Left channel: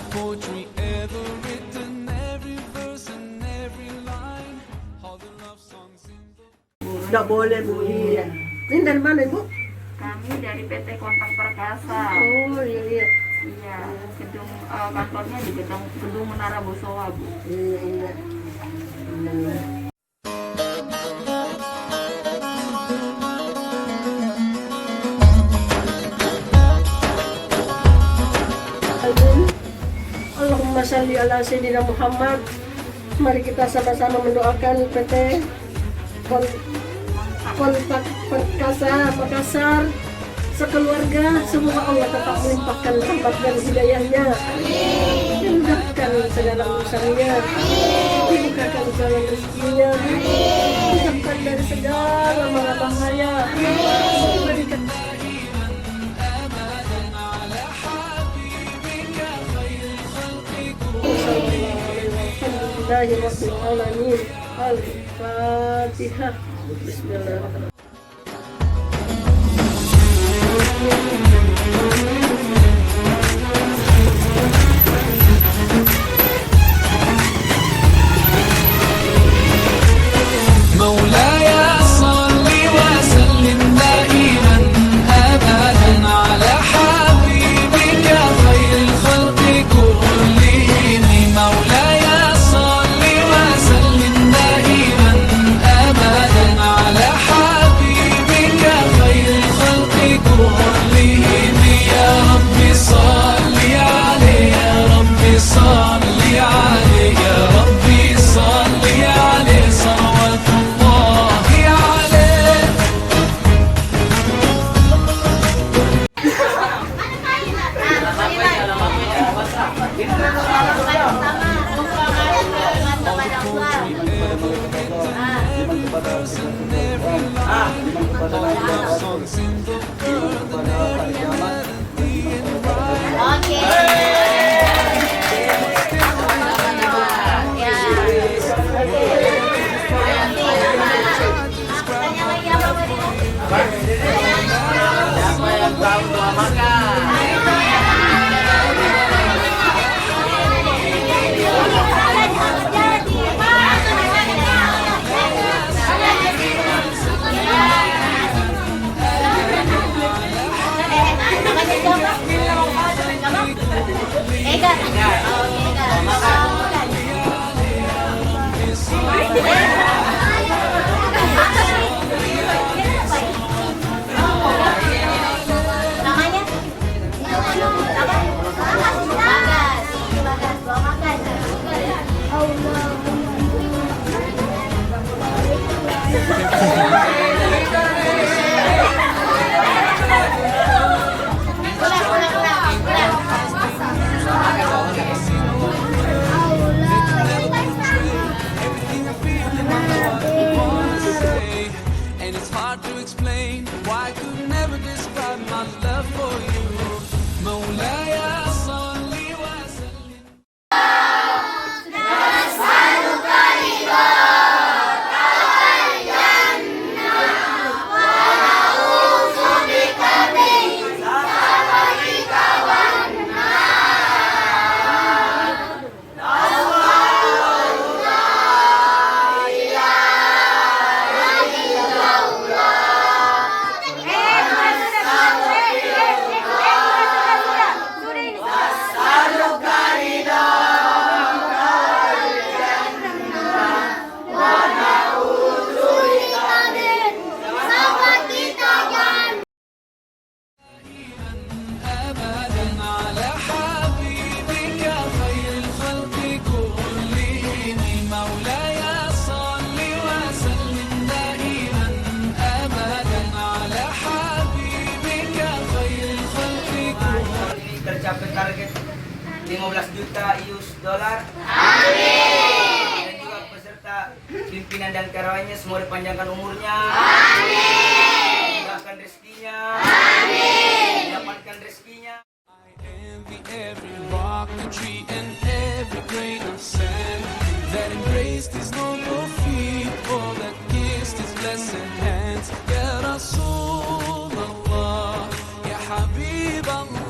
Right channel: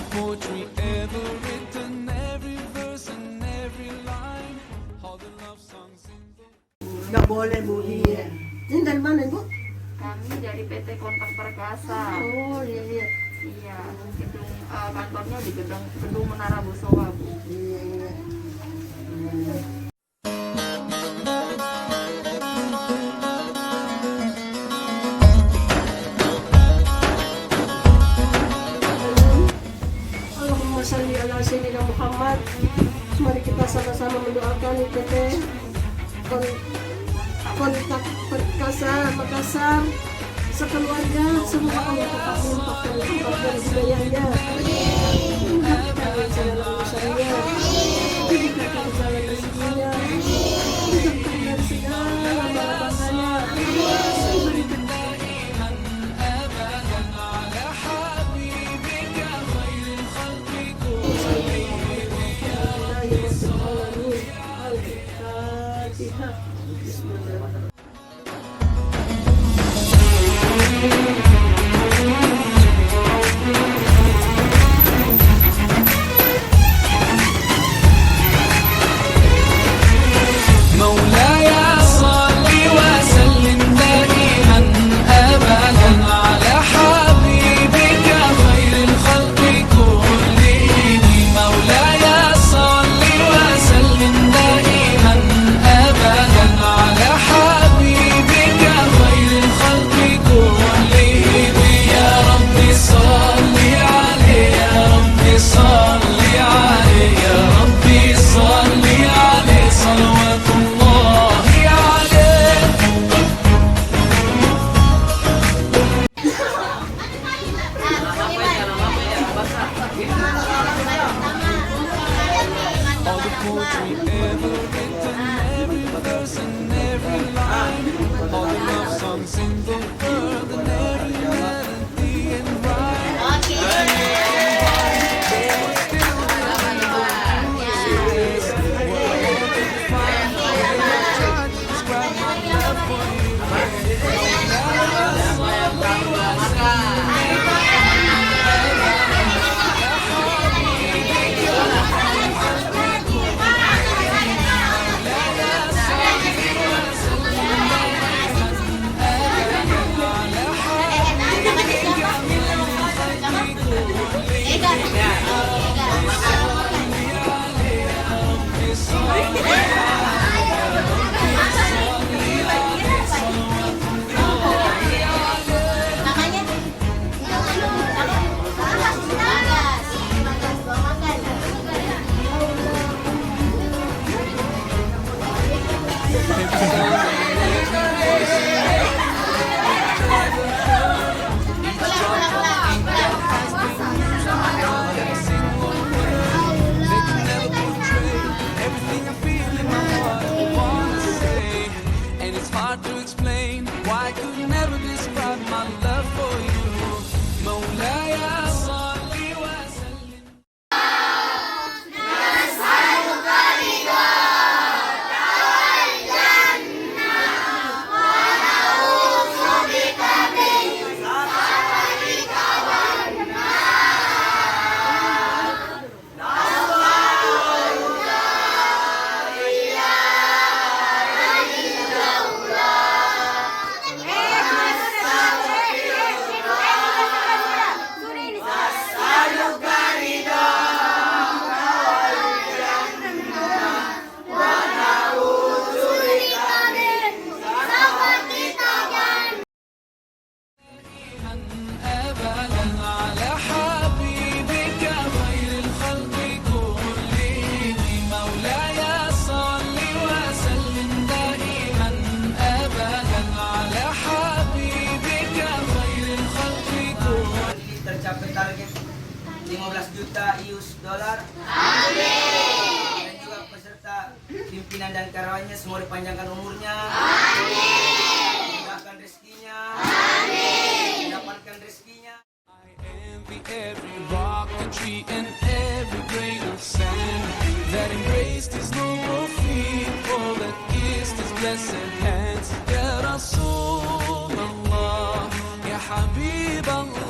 the poetry ever written, every verse and every line, all the love songs in the... Nggak boleh Bu. Iya. Ini dari mana Bu? Kami dari PT Kontakperkasa. Oh iya iya. Iya, gedung kantornya di gedung Menara Bosowa, Bu. Iya iya. Allahumma shalli ala sayyidina Muhammad. Mari kita sama-sama mendoakan PT Kontakperkasa Makassar sekeluarga, semoga Allah tetap melimpahkan rahmat dan hidayahnya, dimudahkan segala urusannya, dibukakan jalan rezekinya, dijauhkan dari segala mara bahaya, diberikan Alhamdulillahirrahmanirrahim. Al-Fatihah. Bismillahirrahmanirrahim. To explain why I could never describe my love for you. Maulaya salli wa sallim. Tercapai target 15 juta US dollar. Amin. Dan juga peserta pimpinan dan karyawannya semua dipanjangkan umurnya. Amin. Mudahkan rezekinya. Amin. Dapatkan rezekinya. I envy every rock and tree and every grain of sand that embraced his noble feet, all that kissed his blessed hands. Ya Rasulullah, Ya Habib Allah.